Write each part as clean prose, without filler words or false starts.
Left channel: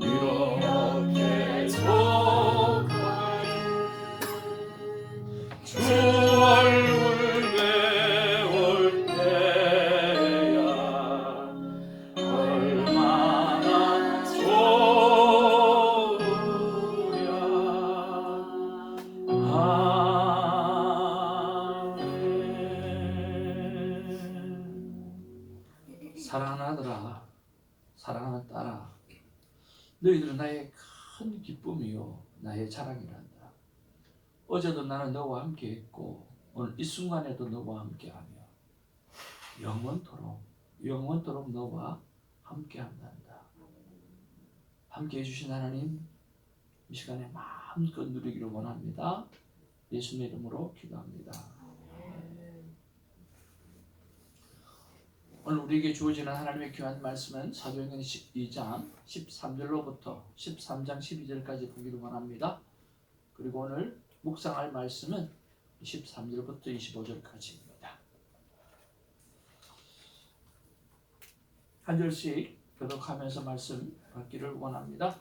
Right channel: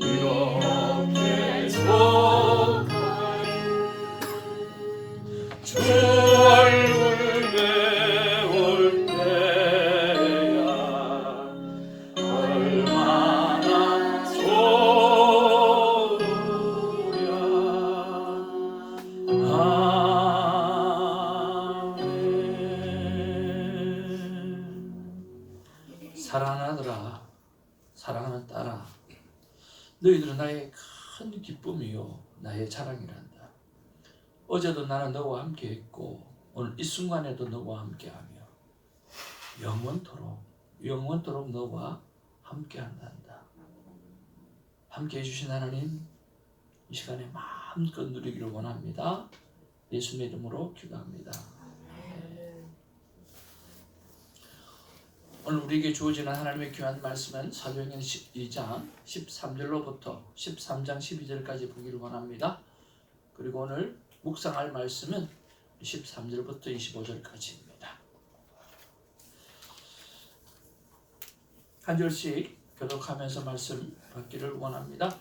이렇게 속하니 주 얼굴 배울 때야 얼마나 좋으랴. 아멘. 사랑하더라, 사랑하는 딸아, 너희들은 나의 큰 기쁨이요 나의 자랑이란다. 어제도 나는 너와 함께 했고 오늘 이 순간에도 너와 함께하며 영원토록 너와 함께한단다. 함께 해주신 하나님, 이 시간에 마음껏 누리기를 원합니다. 예수님의 이름으로 기도합니다. 오늘 우리에게 주어지는 하나님의 귀한 말씀은 사도행전 12장 13절로부터 13장 12절까지 보기를 원합니다. 그리고 오늘 묵상할 말씀은 13절부터 25절까지입니다. 한 절씩 교독하면서 말씀 받기를 원합니다.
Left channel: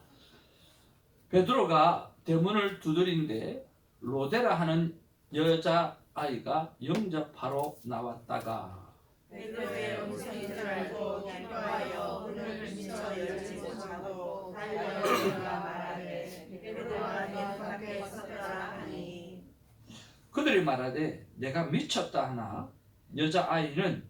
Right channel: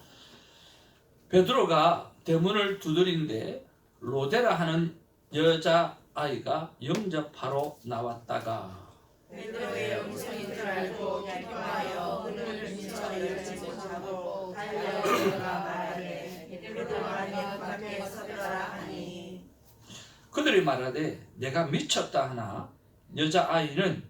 베드로가 대문을 두드린데 로데라 하는 여자아이가 영접하러 나왔다가 베드로의 음성인 줄 알고 기뻐하여 문을 미처 열지 못하고 달려 들어가 말하되 베드로가 내 앞에 서더라 하니 그들이 말하되 내가 미쳤다 하나 여자아이는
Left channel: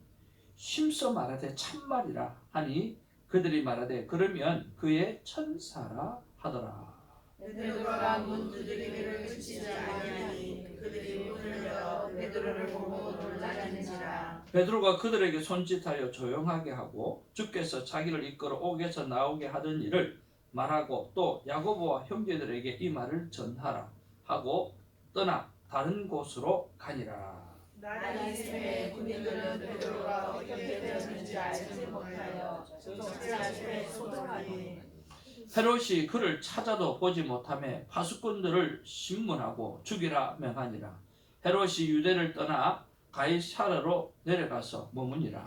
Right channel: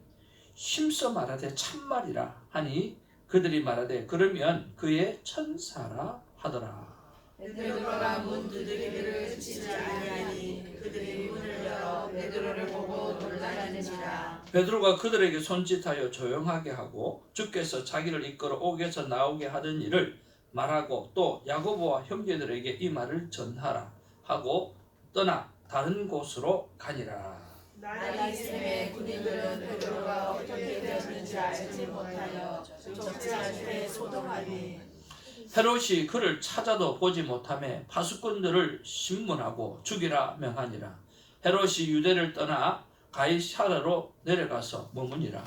힘써 말하되 참말이라 하니 그들이 말하되 그러면 그의 천사라 하더라. 베드로가 문 두드리기를 그치지 아니하니 그들이 문을 열어 베드로를 보고 놀라는지라. 베드로가 그들에게 손짓하여 조용하게 하고 주께서 자기를 이끌어 옥에서 나오게 하던 일을 말하고 또 야고보와 형제들에게 이 말을 전하라 하고 떠나 다른 곳으로 가니라. 날이 새에 군인들은 베드로가 어떻게 되었는지 알지 못하여 족제하심에 소동하니 헤롯이 그를 찾아도 보지 못하매 파수꾼들을 신문하고 죽이라 명하니라. 헤롯이 유대를 떠나 가이사랴로 내려가서 머무니라.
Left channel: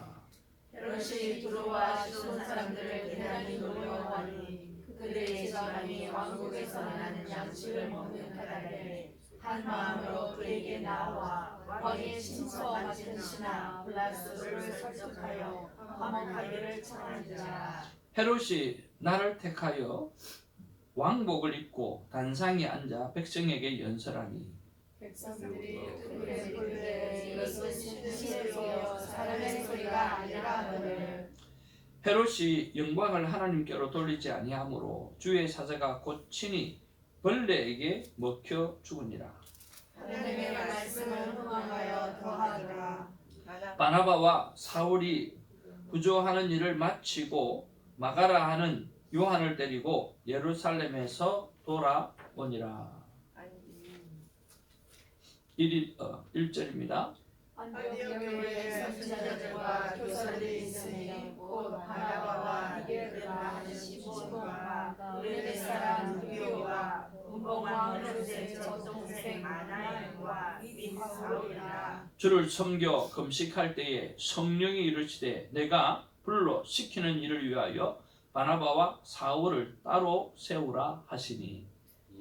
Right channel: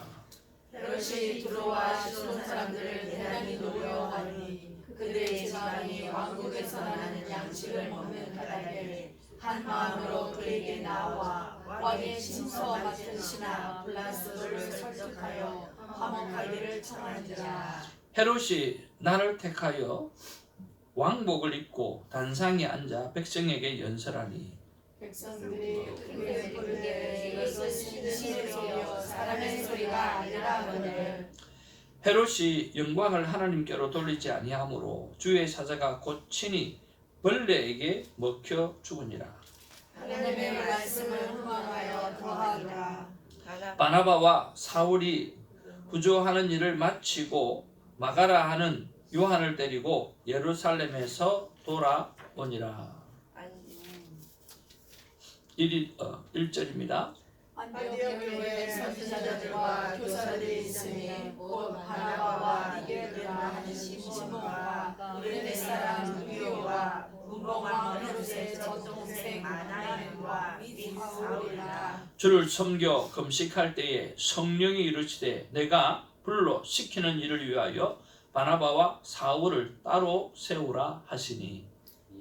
헤롯이 두로와 시돈 사람들을 대단히 노려하니 그들의 지방이 왕국에서 나는 양식을 먹는 까닭에 한 마음으로 그에게 나와 왕의 친서 맡은 신하 블라스를 설득하여 화목하기를 청하니라. 헤롯이 나를 택하여 왕복을 입고 단상에 앉아 백성에게 연설하니 백성들이 크게 부르되 이것은 신의 소리여 사람의 소리가 아니라 하거늘 헤롯이 영광을 하나님께로 돌리지 아니하므로 주의 사자가 곧 친히 벌레에게 먹혀 죽으니라. 하나님의 말씀을 흥망하여 더하더라. 바나바와 사울이 구조하는 일을 마치고 마가라 하는 요한을 데리고 예루살렘에서 돌아오니라. 1절입니다. 안디옥 교회에 선지자들과 교사들이 있으니 곧 바나바와 이게르마 하는 시몬과 그레네 사람 루디오와 문봉왕 헤롯의 젖동생 마나엘과 및 사울이라. 주를 섬겨 금식할 때에 성령이 이르시되 내가 불러 시키는 일을 위하여 바나바와 사울을 따로 세우라 하시니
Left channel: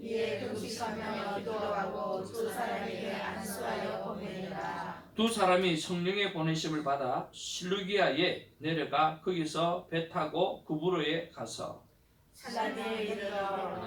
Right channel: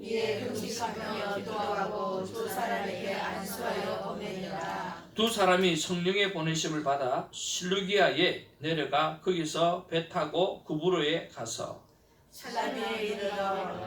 이에 금식하며 기도하고 두 사람에게 안수하여 보내니라. 두 사람이 성령의 보내심을 받아 실루기아에 내려가 거기서 배 타고 구브로에 가서 사람에 이르러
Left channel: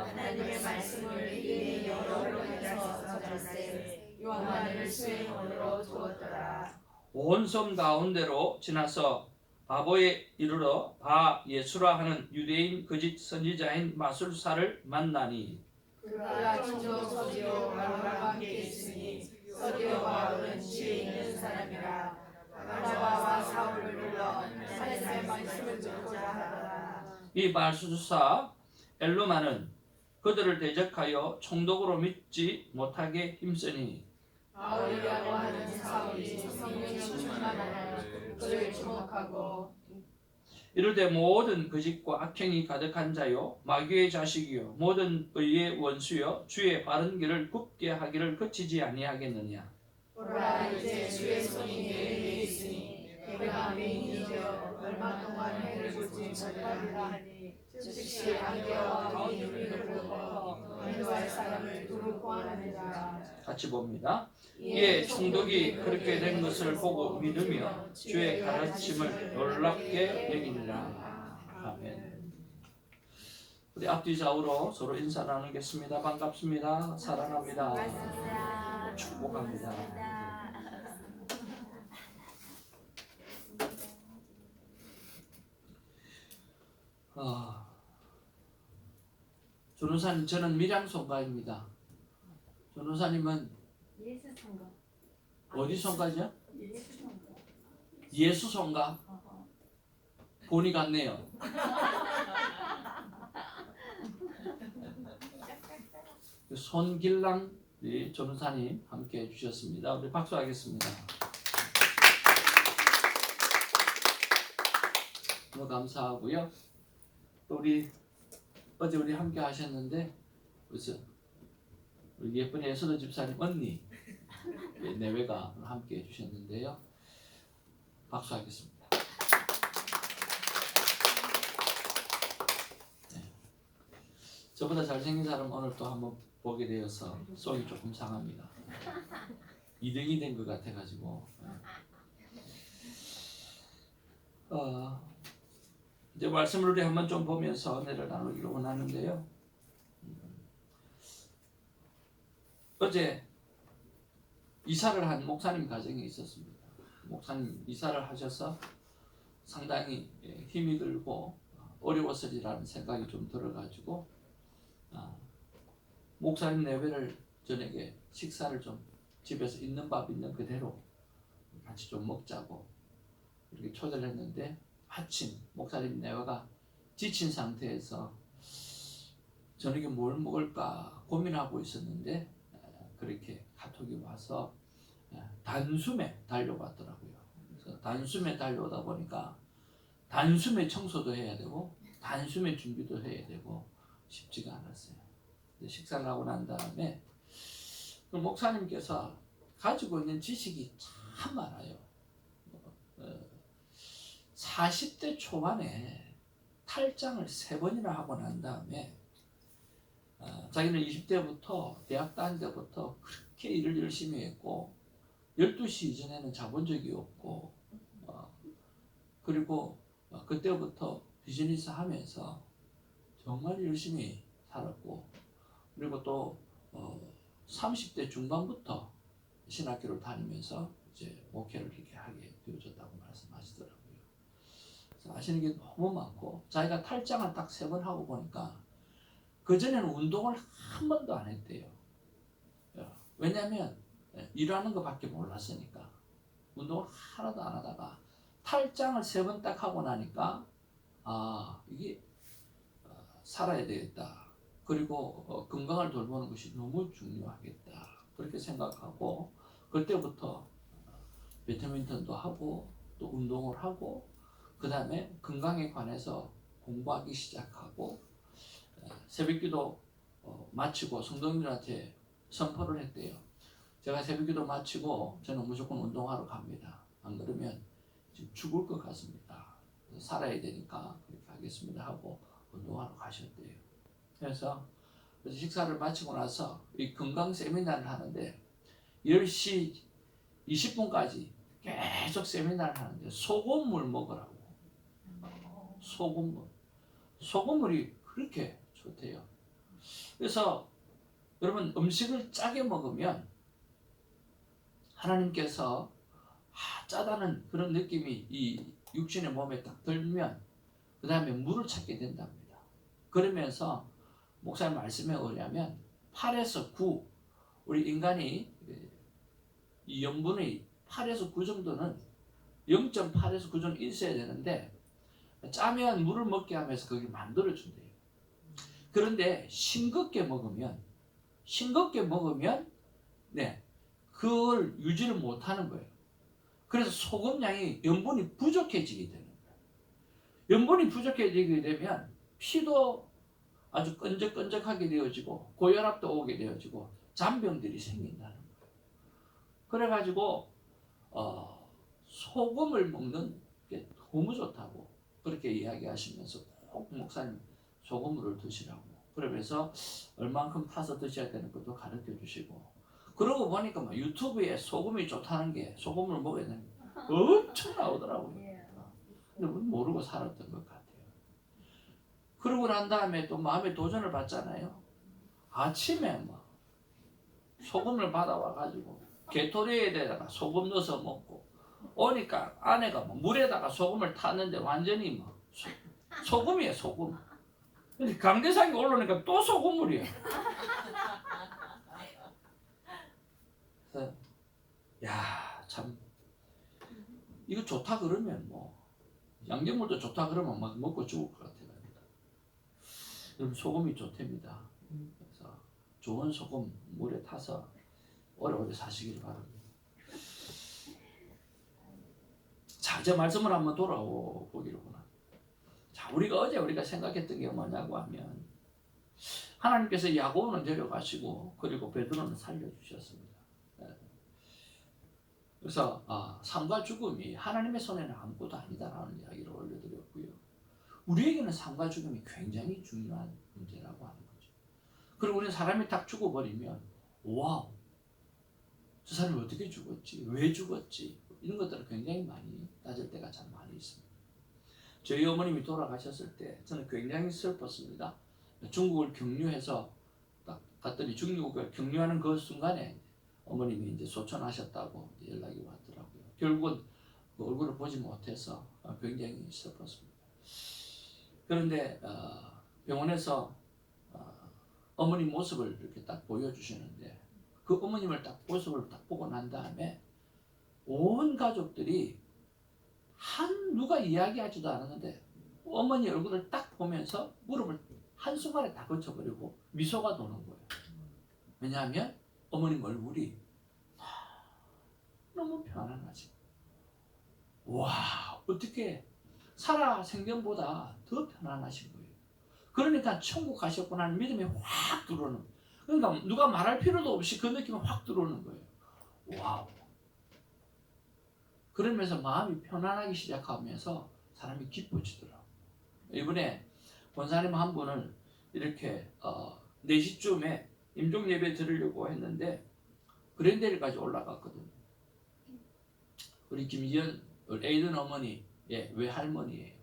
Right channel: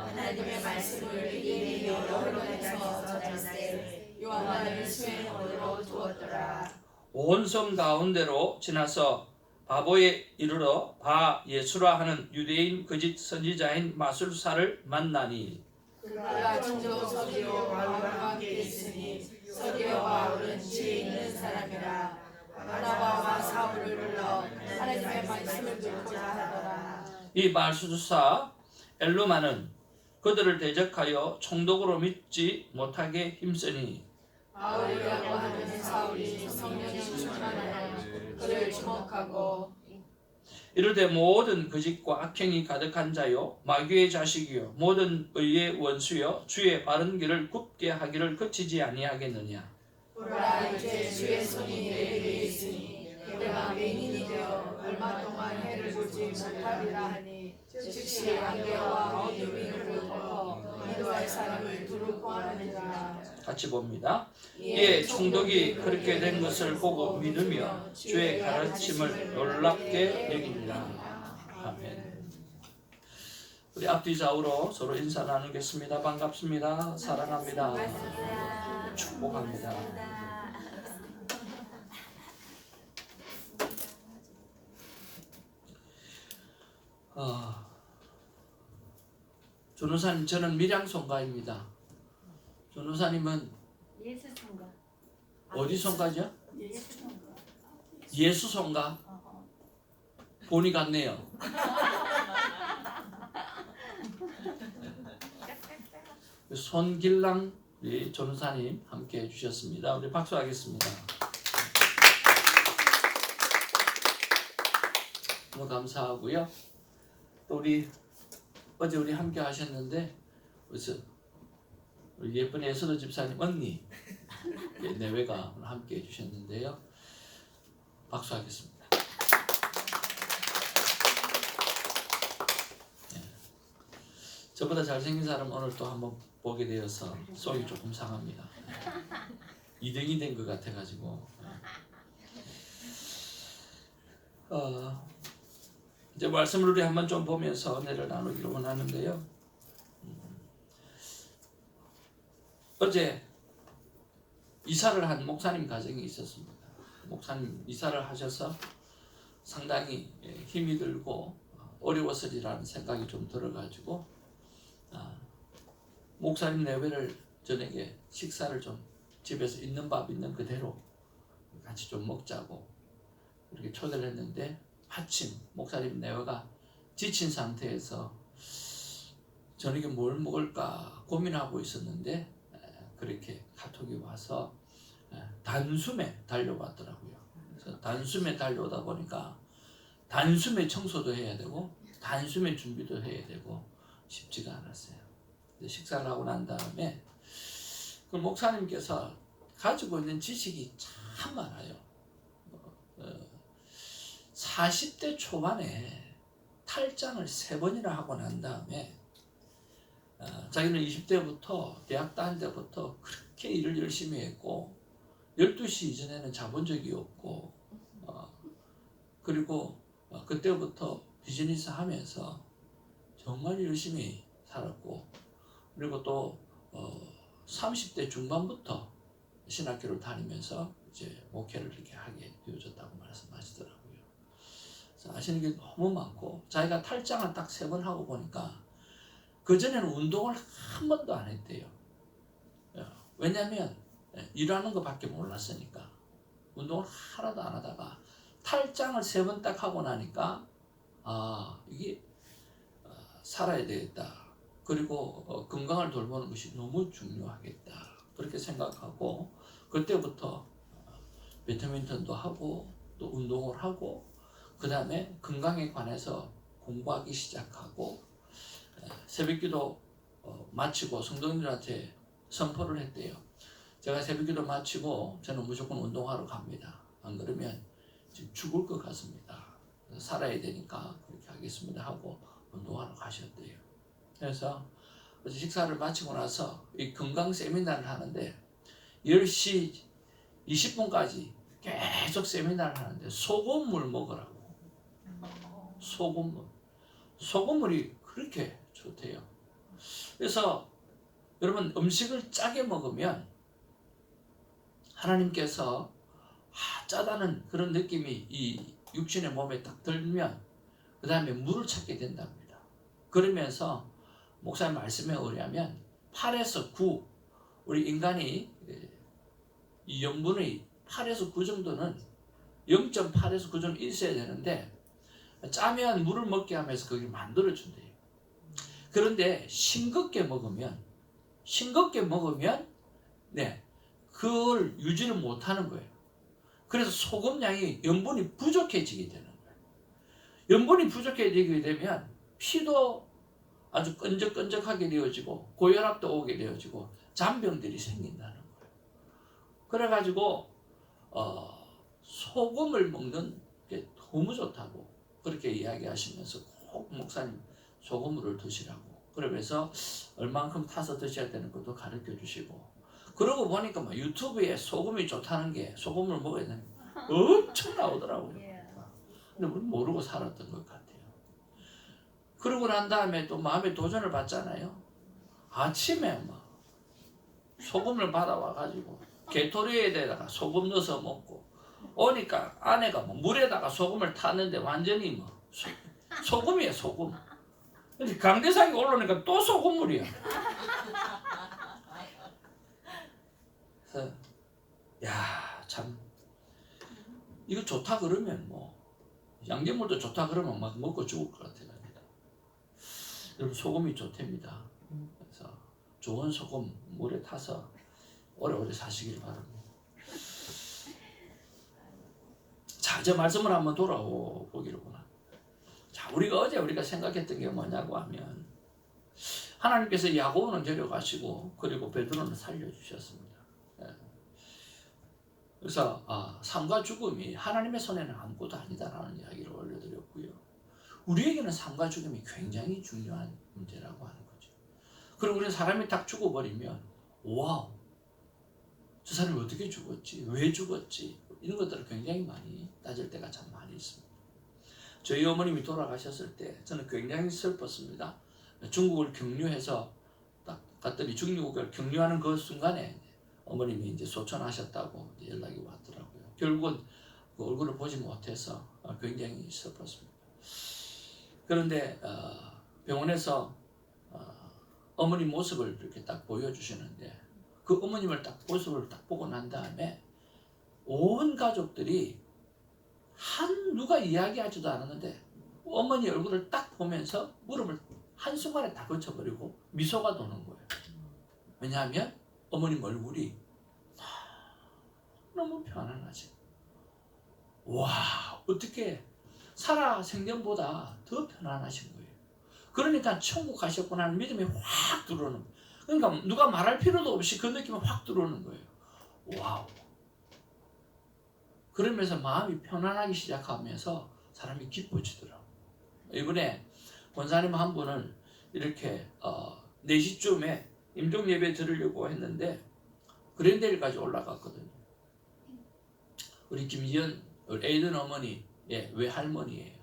하나님의 말씀을 이미 여러 곳에서 전할세 요한을 수행으로 두었더라. 온 섬 가운데로 지나서 바보에 이르러 바 예수라 하는 유대인 거짓 선지자인 마술사를 만나니 그가 종종 서기오 바울과 함께 있으니 서기오 바울은 지혜 있는 사람이라. 바나바와 사울을 불러 하나님의 말씀을 듣고자 하더라. 이 마술사 엘루마는 그들을 대적하여 총독으로 믿지 못하게 힘쓰니 바울이라고 하는 사울이 성령의 충만하여 그를 주목하고 이르되 모든 거짓과 악행이 가득한 자요 마귀의 자식이요 모든 의의 원수요 주의 바른 길을 굽게 하기를 그치지 아니하겠느냐. 보라 이제 주의 손이 내게 있으니 내가 맹인이 되어 얼마 동안 해를 보지 못하리니 즉 마치 안개와 비를 덮어 인도할 사람을 두루 구하는 자. 같이 봅니다. 이에 총독이 그렇게 된 것을 보고 믿으며 주의 가르침을 놀랍게 여기니라. 아멘. 우리 앞뒤 좌우로 서로 인사 나누겠습니다. 반갑습니다. 사랑합니다. 축복합니다. 전우사님, 저는 밀양송가입니다. 전우사님은 예수송가. 어디 송가죠? 예수송가. 예수송가. 본이 같네요. 손길랑 우리 전우사님 함께 해주셨습니다. 우리 박수하겠습니다. 너무 감사하고요. 또 어제 우리 함께 하셨는데 그래서 우리 예쁜 예수도 집사님 언니 내외가 함께 해주셨는데요. 박수하겠습니다. 네. 저보다 잘생긴 사람 오늘 또 한번 보게 되어서 속이 조금 상합니다. 2등이 된 것 같아가지고 이제 말씀을 우리 한번 좀 보면서 은혜를 나누기로 원하는데요. 어제 이사를 한 목사님 가정이 있었습니다. 목사님 이사를 하셔서 상당히 힘이 들고 어려웠으리라는 생각이 좀 들어가지고 목사님 내외를 저녁에 식사를 좀 집에서 있는 밥 있는 그대로 같이 좀 먹자고 이렇게 초대를 했는데 마침 목사님 내외가 지친 상태에서 저녁에 뭘 먹을까 고민하고 있었는데 그렇게 카톡이 와서 단숨에 달려왔더라고요. 그래서 단숨에 달려오다 보니까 단숨에 청소도 해야 되고 단숨에 준비도 해야 되고 쉽지가 않았어요. 식사를 하고 난 다음에 그 목사님께서 가지고 있는 지식이 참 많아요. 40대 초반에 탈장을 3번이나 하고 난 다음에 자기는 20대부터 대학 다닐 때부터 그렇게 일을 열심히 했고 12시 이전에는 자본 적이 없고 그리고 그때부터 비즈니스 하면서 정말 열심히 살았고 그리고 또 30대 중반부터 신학교를 다니면서 이제 목회를 이렇게 하게 되어졌다고 말씀하시더라고요. 그래서 아시는 게 너무 많고 자기가 탈장을 딱 3번 하고 보니까 그전에는 운동을 한 번도 안 했대요. 왜냐하면 일하는 것밖에 몰랐으니까 운동을 하나도 안 하다가 탈장을 3번 딱 하고 나니까 이게 살아야 되겠다. 그리고 건강을 돌보는 것이 너무 중요하겠다. 그렇게 생각하고 그때부터 배드민턴도 하고 또 운동을 하고 그 다음에 건강에 관해서 공부하기 시작하고 새벽기도 마치고 성도님들한테 선포를 했대요. 제가 새벽기도 마치고 저는 무조건 운동하러 갑니다. 안 그러면 지금 죽을 것 같습니다. 살아야 되니까 그렇게 하겠습니다 하고 운동하러 가셨대요. 그래서 식사를 마치고 나서 이 건강 세미나를 하는데 10시 20분까지 계속 세미나를 하는데 소금물 먹으라고. 소금물이 그렇게 좋대요. 그래서 여러분 음식을 짜게 먹으면 하나님께서 짜다는 그런 느낌이 이 육신의 몸에 딱 들면 그 다음에 물을 찾게 된답니다. 그러면서 목사님 말씀에 의하면 8에서 9 우리 인간이 이 염분의 8에서 9 정도는 0.8에서 9 정도 있어야 되는데 짜면 물을 먹게 하면서 그걸 만들어준대요. 그런데 싱겁게 먹으면 그걸 유지를 못하는 거예요. 그래서 소금량이 염분이 부족해지게 되는 거예요. 염분이 부족해지게 되면 피도 아주 끈적끈적하게 되어지고 고혈압도 오게 되어지고 잔병들이 생긴다는 거예요. 그래가지고 소금을 먹는 게 너무 좋다고 그렇게 이야기하시면서 꼭 목사님 소금물을 드시라고. 그러면서 얼만큼 타서 드셔야 되는 것도 가르쳐 주시고. 그러고 보니까 막 유튜브에 소금이 좋다는 게 소금을 먹어야 되는 게 엄청 나오더라고요. 근데 우리 모르고 살았던 것 같아요. 그러고 난 다음에 또 마음의 도전을 받잖아요. 아침에 막 소금을 받아와 가지고 게토레이드에다가 소금 넣어서 먹고 오니까 아내가 뭐 물에다가 소금을 탔는데 완전히 뭐 소금이에요, 소금. 근데 강대상이 올라오니까 또 소금물이야. 그래서 야, 참 이거 좋다 그러면 뭐 양념물도 좋다 그러면 막 먹고 죽을 것 같아요. 여러분 소금이 좋답니다. 그래서 좋은 소금 물에 타서 오래오래 사시길 바랍니다. 자, 이제 말씀을 한번 돌아보기로 합니다. 자, 우리가 생각했던 게 뭐냐고 하면 하나님께서 야고보는 데려가시고 그리고 베드로는 살려주셨습니다. 그래서 삶과 죽음이 하나님의 손에는 아무것도 아니다라는 이야기를 올려드렸고요. 우리에게는 삶과 죽음이 굉장히 중요한 문제라고 하는 거죠. 그리고 우리는 사람이 딱 죽어버리면 와우, 저 사람이 어떻게 죽었지? 왜 죽었지? 이런 것들을 굉장히 많이 따질 때가 참 많이 있습니다. 저희 어머님이 돌아가셨을 때 저는 굉장히 슬펐습니다. 중국을 경유해서 딱 갔더니 중국을 경유하는 그 순간에 어머님이 이제 소천하셨다고 연락이 왔더라고요. 결국은 그 얼굴을 보지 못해서 굉장히 슬펐습니다. 그런데 병원에서 어머니 모습을 이렇게 딱 보여주시는데 그 어머님을 딱 모습을 딱 보고 난 다음에 온 가족들이 누가 이야기하지도 않았는데 어머니 얼굴을 딱 보면서 무릎을 한순간에 다 거쳐버리고 미소가 도는 거예요. 왜냐하면 어머님 얼굴이 너무 편안하지. 와, 어떻게 살아 생전보다 더 편안하신 거예요. 그러니까 천국 가셨구나 하는 믿음이 확 들어오는 거예요. 그러니까 누가 말할 필요도 없이 그 느낌이 확 들어오는 거예요. 와우. 그러면서 마음이 편안하기 시작하면서 사람이 기뻐지더라고요. 이번에 권사님 한 분을 이렇게 4시쯤에 임종 예배 드리려고 했는데 그랜델까지 올라갔거든요. 우리 김지연 에이든 어머니 외할머니예요.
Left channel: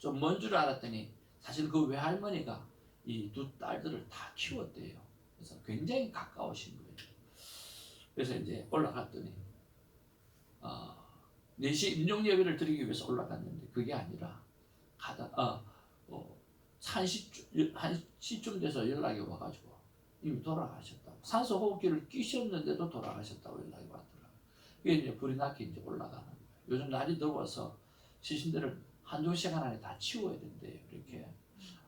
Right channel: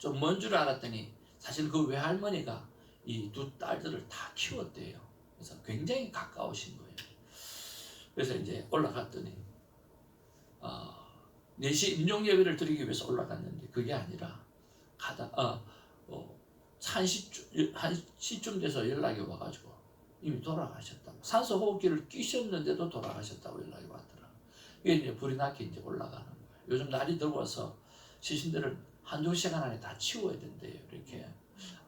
좀 먼 줄 알았더니 사실 그 외할머니가 이 두 딸들을 다 키웠대요. 그래서 굉장히 가까우신 거예요. 그래서 이제 올라갔더니 4시 임종 예배를 드리기 위해서 올라갔는데 그게 아니라 가다 1시쯤 돼서 연락이 와가지고 이미 돌아가셨다고, 산소 호흡기를 끼셨는데도 돌아가셨다고 연락이 왔더라고요. 이게 이제 불이 나게 이제 올라가는 거예요. 요즘 날이 더워서 시신들을 한두 시간 안에 다 치워야 된대요. 이렇게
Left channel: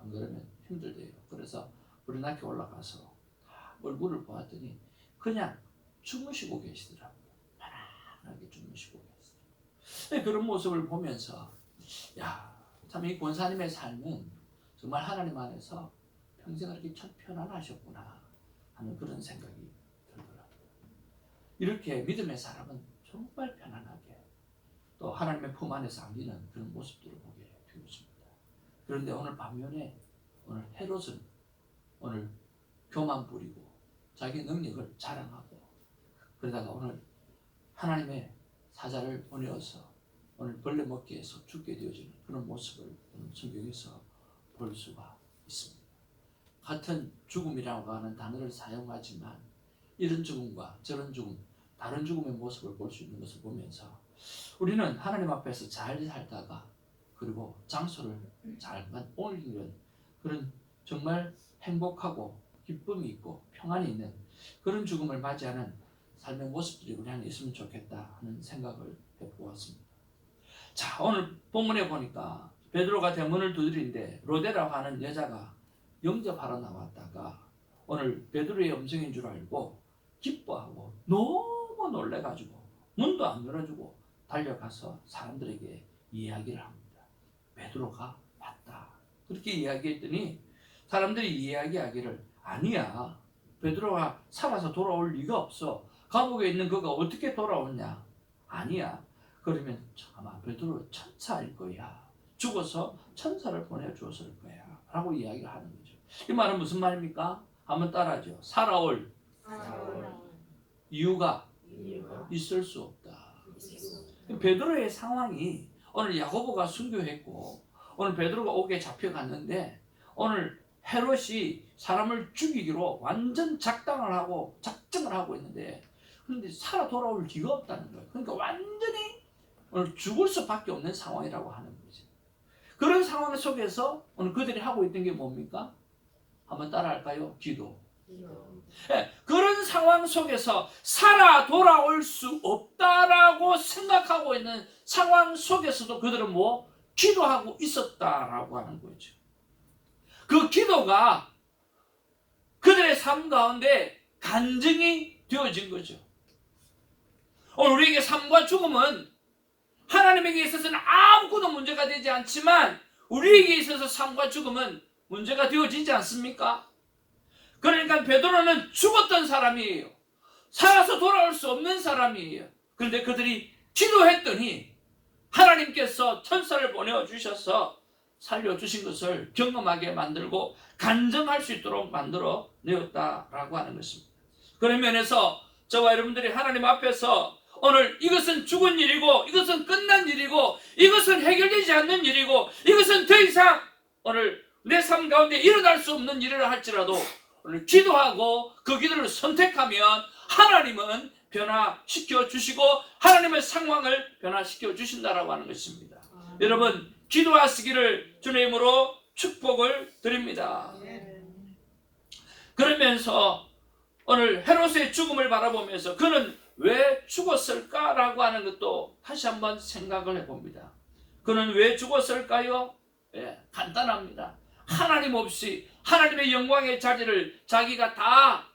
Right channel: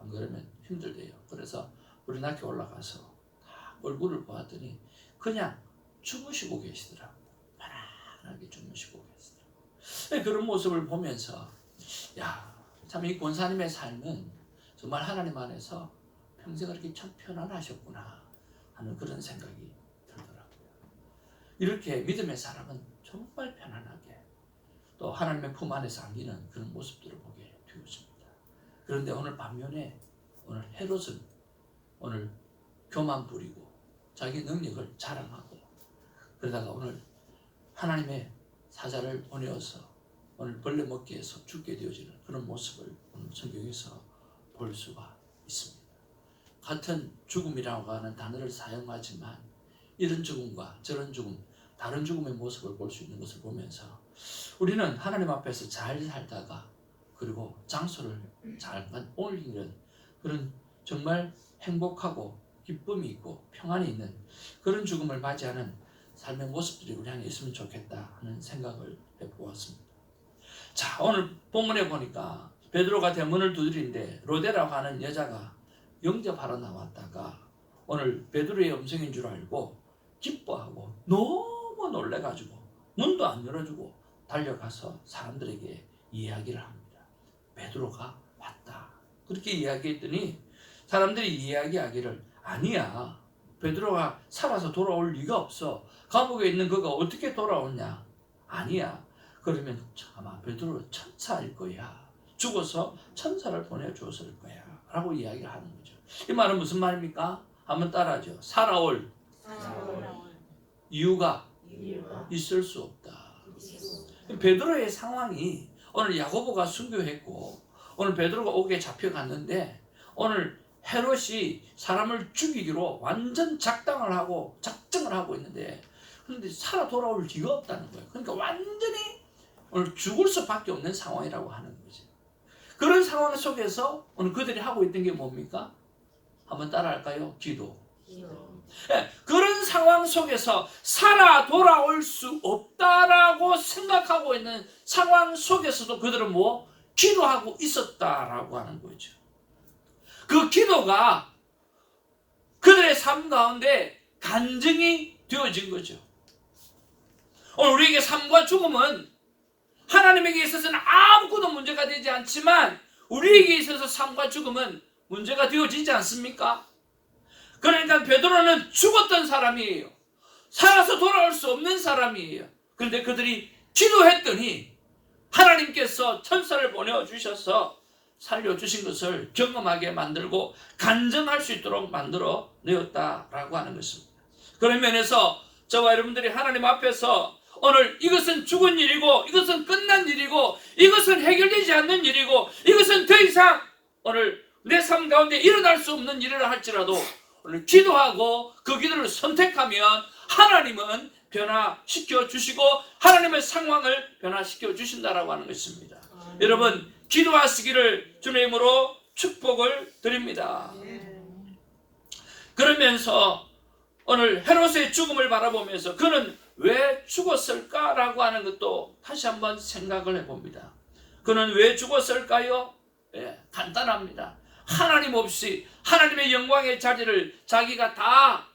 안 그러면 힘들대요. 그래서 불이 나게 올라가서 다 얼굴을 보았더니 그냥 주무시고 계시더라고요. 편안하게 주무시고 계시더라고요. 그런 모습을 보면서 참 이 권사님의 삶은 정말 하나님 안에서 평생 그렇게 참 편안하셨구나 하는 그런 생각이 들더라고요. 이렇게 믿음의 사람은 정말 편안하게 또 하나님의 품 안에서 안기는 그런 모습들을 보게 되었습니다. 그런데 오늘 반면에 오늘 헤롯은 오늘 교만 부리고 자기 능력을 자랑하고 그러다가 오늘 하나님의 사자를 보내어서 오늘 벌레 먹기에서 죽게 되어지는 그런 모습을 오늘 성경에서 볼 수가 있습니다. 같은 죽음이라고 하는 단어를 사용하지만 이런 죽음과 저런 죽음, 다른 죽음의 모습을 볼 수 있는 것을 보면서 우리는 하나님 앞에서 잘 살다가 그리고 장소를 잠깐 옮기는 그런 정말 행복하고 기쁨이 있고 평안이 있는 그런 죽음을 맞이하는 삶의 모습들이 우리 안에 있으면 좋겠다 하는 생각을 해보았습니다. 자, 오늘 본문에 보니까 베드로가 대문을 두드리는데 로데라고 하는 여자가 영접하러 나왔다가 오늘 베드로의 음성인 줄 알고 기뻐하고 너무 놀래가지고 문도 안 열어주고 달려가서 사람들에게 이야기를 합니다. 베드로가 왔다. 그렇게 이야기했더니 사람들이 이야기하기를 아니야, 베드로가 살아서 돌아올 리가 없어. 감옥에 있는 그가 어떻게 돌아오냐. 아니야. 그러면 아마 베드로 천사일 거야. 죽어서 천사를 보내주었을 거야. 라고 이야기를 하는 거죠. 이 말은 무슨 말입니까? 한번 따라하죠. 살아올 이유가 있을 수 없다. 베드로의 상황이 오늘 야고보가 순교했고 오늘 베드로가 옥에 잡혀갔는데 오늘 헤롯이 사람을 죽이기로 완전 작당을 하고 작정을 하고 있는데 그런데 살아 돌아올 기가 없다는 거예요. 그러니까 완전히 오늘 죽을 수밖에 없는 상황이라고 하는 거지. 그런 상황 속에서 오늘 그들이 하고 있던 게 뭡니까? 한번 따라할까요? 기도. 네, 그런 상황 속에서 살아 돌아올 수 없다라고 생각하고 있는 상황 속에서도 그들은 뭐? 기도하고 있었다라고 하는 거죠. 그 기도가 그들의 삶 가운데 간증이 되어진 거죠. 오늘 우리에게 삶과 죽음은 하나님에게 있어서는 아무것도 문제가 되지 않지만 우리에게 있어서 삶과 죽음은 문제가 되어지지 않습니까? 그러니까 베드로는 죽었던 사람이에요. 살아서 돌아올 수 없는 사람이에요. 그런데 그들이 기도했더니 하나님께서 천사를 보내주셔서 살려주신 것을 경험하게 만들고 간증할 수 있도록 만들어 내었다라고 하는 것입니다. 그런 면에서 저와 여러분들이 하나님 앞에서 오늘 이것은 죽은 일이고 이것은 끝난 일이고 이것은 해결되지 않는 일이고 이것은 더 이상 오늘 내 삶 가운데 일어날 수 없는 일을 할지라도 오늘 기도하고 그 기도를 선택하면 하나님은 변화시켜 주시고 하나님의 상황을 변화시켜 주신다라고 하는 것입니다. 여러분 기도하시기를 주님으로 축복을 드립니다. 그러면서 오늘 헤롯의 죽음을 바라보면서 그는 왜 죽었을까라고 하는 것도 다시 한번 생각을 해봅니다. 그는 왜 죽었을까요? 간단합니다. 하나님 없이 하나님의 영광의 자리를 자기가 다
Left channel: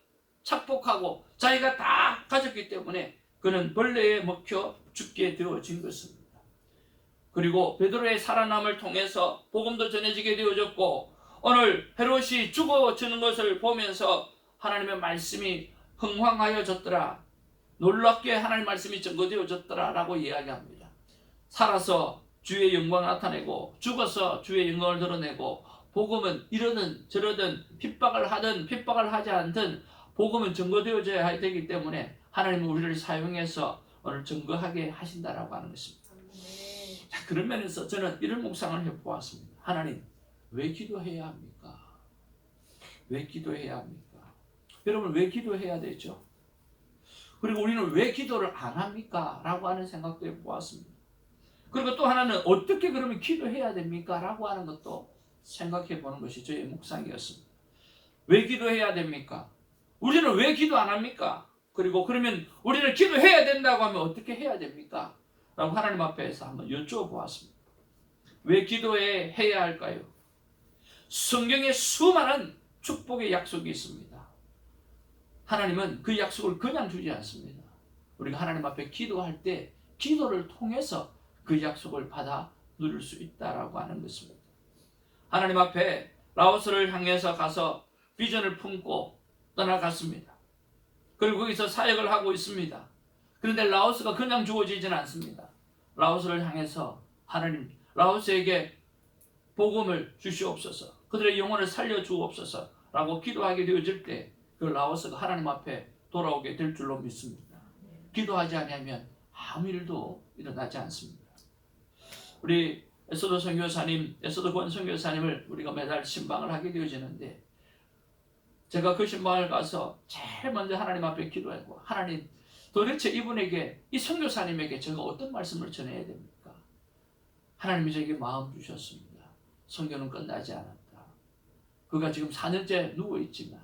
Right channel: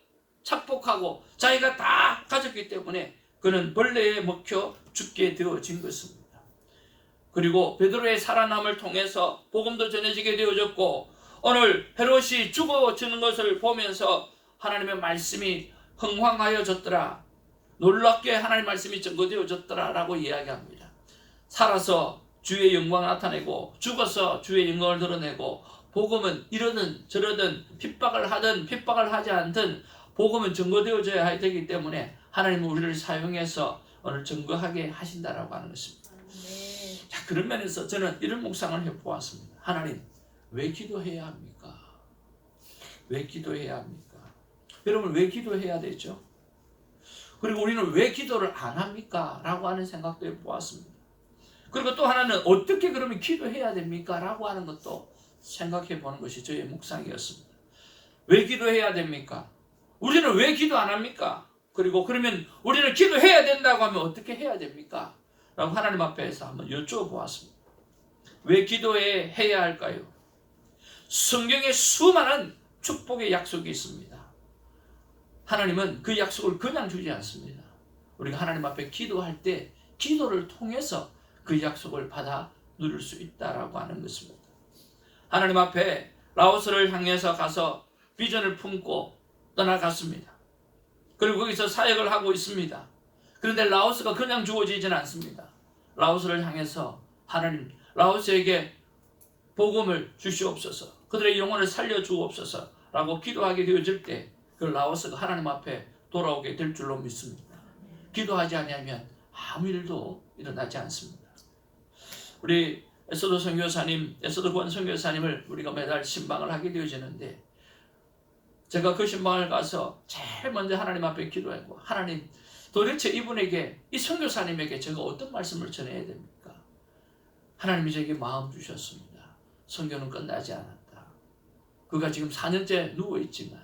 착복하고 자기가 다 가졌기 때문에 그는 벌레에 먹혀 죽게 되어진 것입니다. 그리고 베드로의 살아남을 통해서 복음도 전해지게 되어졌고 오늘 헤롯이 죽어지는 것을 보면서 하나님의 말씀이 흥황하여졌더라. 놀랍게 하나님의 말씀이 증거되어졌더라 라고 이야기합니다. 살아서 주의 영광을 나타내고 죽어서 주의 영광을 드러내고 복음은 이러든 저러든 핍박을 하든 핍박을 하지 않든 복음은 증거되어져야 되기 때문에 하나님은 우리를 사용해서 오늘 증거하게 하신다라고 하는 것입니다. 자, 그런 면에서 저는 이런 묵상을 해보았습니다. 하나님 왜 기도해야 합니까? 왜 기도해야 합니까? 여러분 왜 기도해야 되죠? 그리고 우리는 왜 기도를 안 합니까? 라고 하는 생각도 해보았습니다. 그리고 또 하나는 어떻게 그러면 기도해야 됩니까? 라고 하는 것도 생각해 보는 것이 저의 묵상이었습니다. 왜 기도해야 됩니까? 우리는 왜 기도 안 합니까? 그리고 그러면 우리는 기도해야 된다고 하면 어떻게 해야 됩니까? 라고 하나님 앞에서 한번 여쭤보았습니다. 왜 기도해야 할까요? 성경에 수많은 축복의 약속이 있습니다. 하나님은 그 약속을 그냥 주지 않습니다. 우리가 하나님 앞에 기도할 때 기도를 통해서 그 약속을 받아 누릴 수 있다라고 하는 것입니다. 하나님 앞에 라오스를 향해서 가서 비전을 품고 떠나갔습니다. 그리고 거기서 사역을 하고 있습니다. 그런데 라오스가 그냥 주어지지는 않습니다. 라오스를 향해서 하나님 라오스에게 복음을 주시옵소서, 그들의 영혼을 살려주옵소서 라고 기도하게 되어질 때 그 라오스가 하나님 앞에 돌아오게 될 줄로 믿습니다. 기도하지 않으면 아무 일도 일어나지 않습니다. 우리 에스더 선교사님, 에스더 권 선교사님을 우리가 매달 신방을 하게 되어지는데 제가 그 신방을 가서 제일 먼저 하나님 앞에 기도했고, 하나님 도대체 이분에게, 이 선교사님에게 제가 어떤 말씀을 전해야 됩니까? 하나님이 제게 마음 주셨습니다. 선교는 끝나지 않았다. 그가 지금 4년째 누워있지만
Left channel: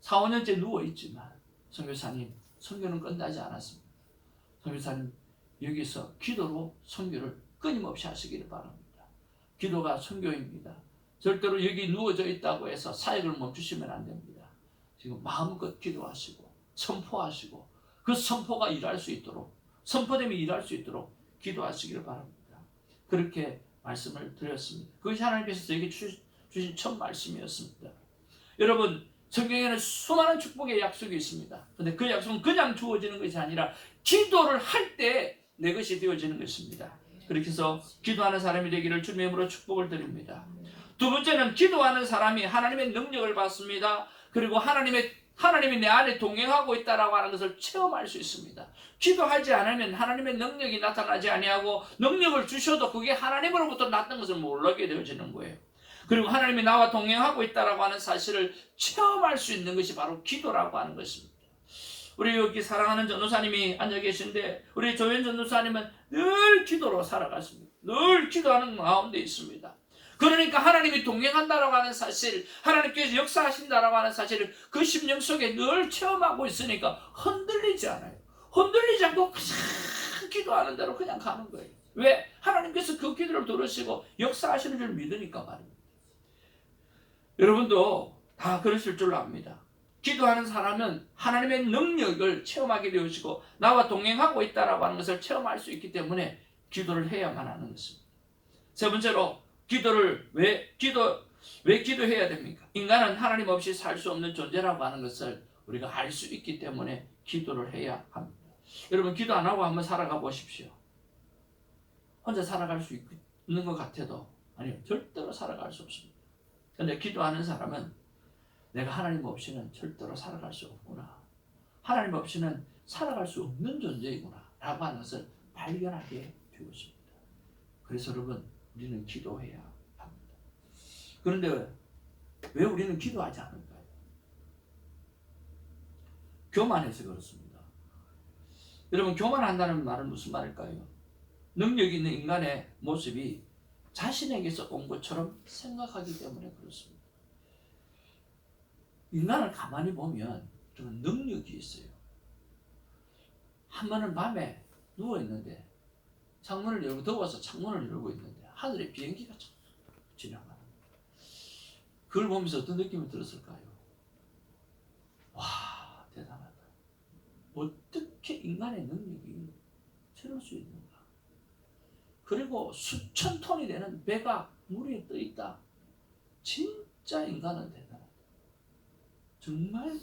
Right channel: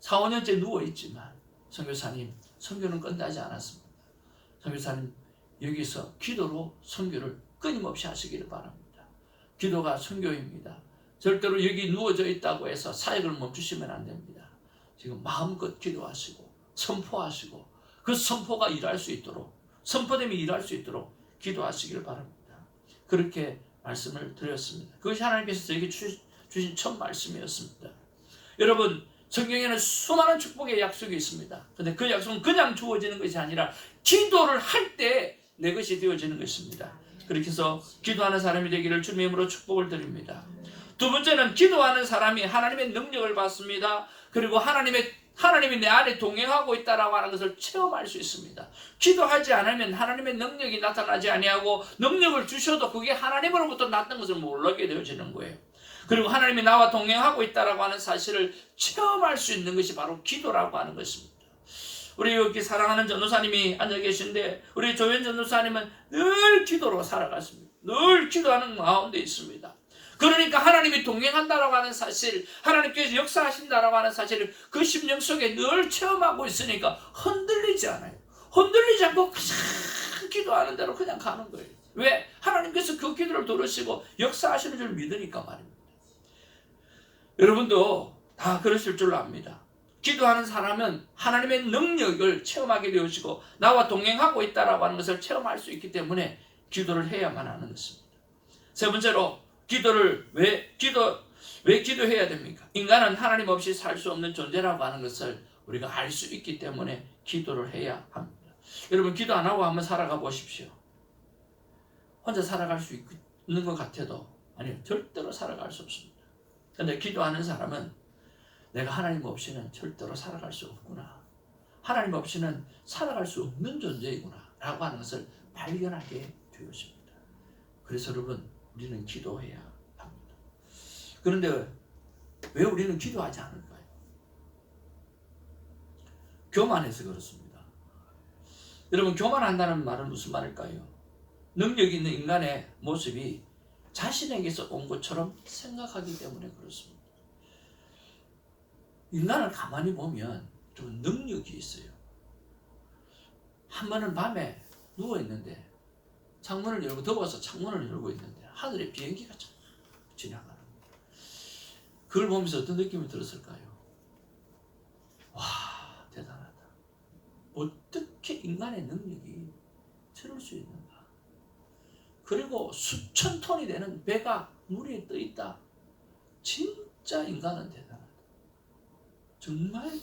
4, 5년째 누워있지만 선교사님, 선교는 끝나지 않았습니다. 선교사님, 여기서 기도로 선교를 끊임없이 하시기를 바랍니다. 기도가 선교입니다. 절대로 여기 누워져 있다고 해서 사역을 멈추시면 안 됩니다. 지금 마음껏 기도하시고 선포하시고 그 선포가 일할 수 있도록, 선포됨이 일할 수 있도록 기도하시기를 바랍니다. 그렇게 말씀을 드렸습니다. 그것이 하나님께서 저에게 주신 첫 말씀이었습니다. 여러분, 성경에는 수많은 축복의 약속이 있습니다. 그런데 그 약속은 그냥 주어지는 것이 아니라 기도를 할 때 내 것이 되어지는 것입니다. 그렇게 해서 기도하는 사람이 되기를 주님의 이름으로 축복을 드립니다. 두 번째는 기도하는 사람이 하나님의 능력을 받습니다. 그리고 하나님이 내 안에 동행하고 있다라고 하는 것을 체험할 수 있습니다. 기도하지 않으면 하나님의 능력이 나타나지 아니하고 능력을 주셔도 그게 하나님으로부터 났던 것을 모르게 되어지는 거예요. 그리고 하나님이 나와 동행하고 있다라고 하는 사실을 체험할 수 있는 것이 바로 기도라고 하는 것입니다. 우리 여기 사랑하는 전도사님이 앉아 계신데 우리 조현 전도사님은 늘 기도로 살아갔습니다. 늘 기도하는 가운데 있습니다. 그러니까 하나님이 동행한다라고 하는 사실, 하나님께서 역사하신다라고 하는 사실을 그 심령 속에 늘 체험하고 있으니까 흔들리지 않아요. 흔들리지 않고 그냥 기도하는 대로 그냥 가는 거예요. 왜? 하나님께서 그 기도를 들으시고 역사하시는 줄 믿으니까 말입니다. 여러분도 다 그러실 줄 압니다. 기도하는 사람은 하나님의 능력을 체험하게 되어지고 나와 동행하고 있다라고 하는 것을 체험할 수 있기 때문에 기도를 해야만 하는 것입니다. 세 번째로 왜 기도해야 됩니까? 인간은 하나님 없이 살 수 없는 존재라고 하는 것을 우리가 알 수 있기 때문에 기도를 해야 합니다. 여러분 기도 안 하고 한번 살아가 보십시오. 혼자 살아갈 수 있는 것 같아도 아니요, 절대로 살아갈 수 없습니다. 그런데 기도하는 사람은 내가 하나님 없이는 절대로 살아갈 수 없구나. 하나님 없이는 살아갈 수 없는 존재이구나 라고 하는 것을 발견하게 되었습니다. 그래서 여러분 우리는 기도해야 합니다. 그런데 왜 우리는 기도하지 않을까요? 교만해서 그렇습니다. 여러분 교만한다는 말은 무슨 말일까요? 능력 있는 인간의 모습이 자신에게서 온 것처럼 생각하기 때문에 그렇습니다. 인간을 가만히 보면 좀 능력이 있어요. 한 번은 밤에 누워있는데 창문을 열고 더워서 창문을 열고 있는데 하늘에 비행기가 지나가는 거예요. 그걸 보면서 어떤 느낌이 들었을까요? 와, 대단하다. 어떻게 인간의 능력이 저럴 수 있는가? 그리고 수천 톤이 되는 배가 물 위에 떠 있다. 진짜 인간은 대단하다. 정말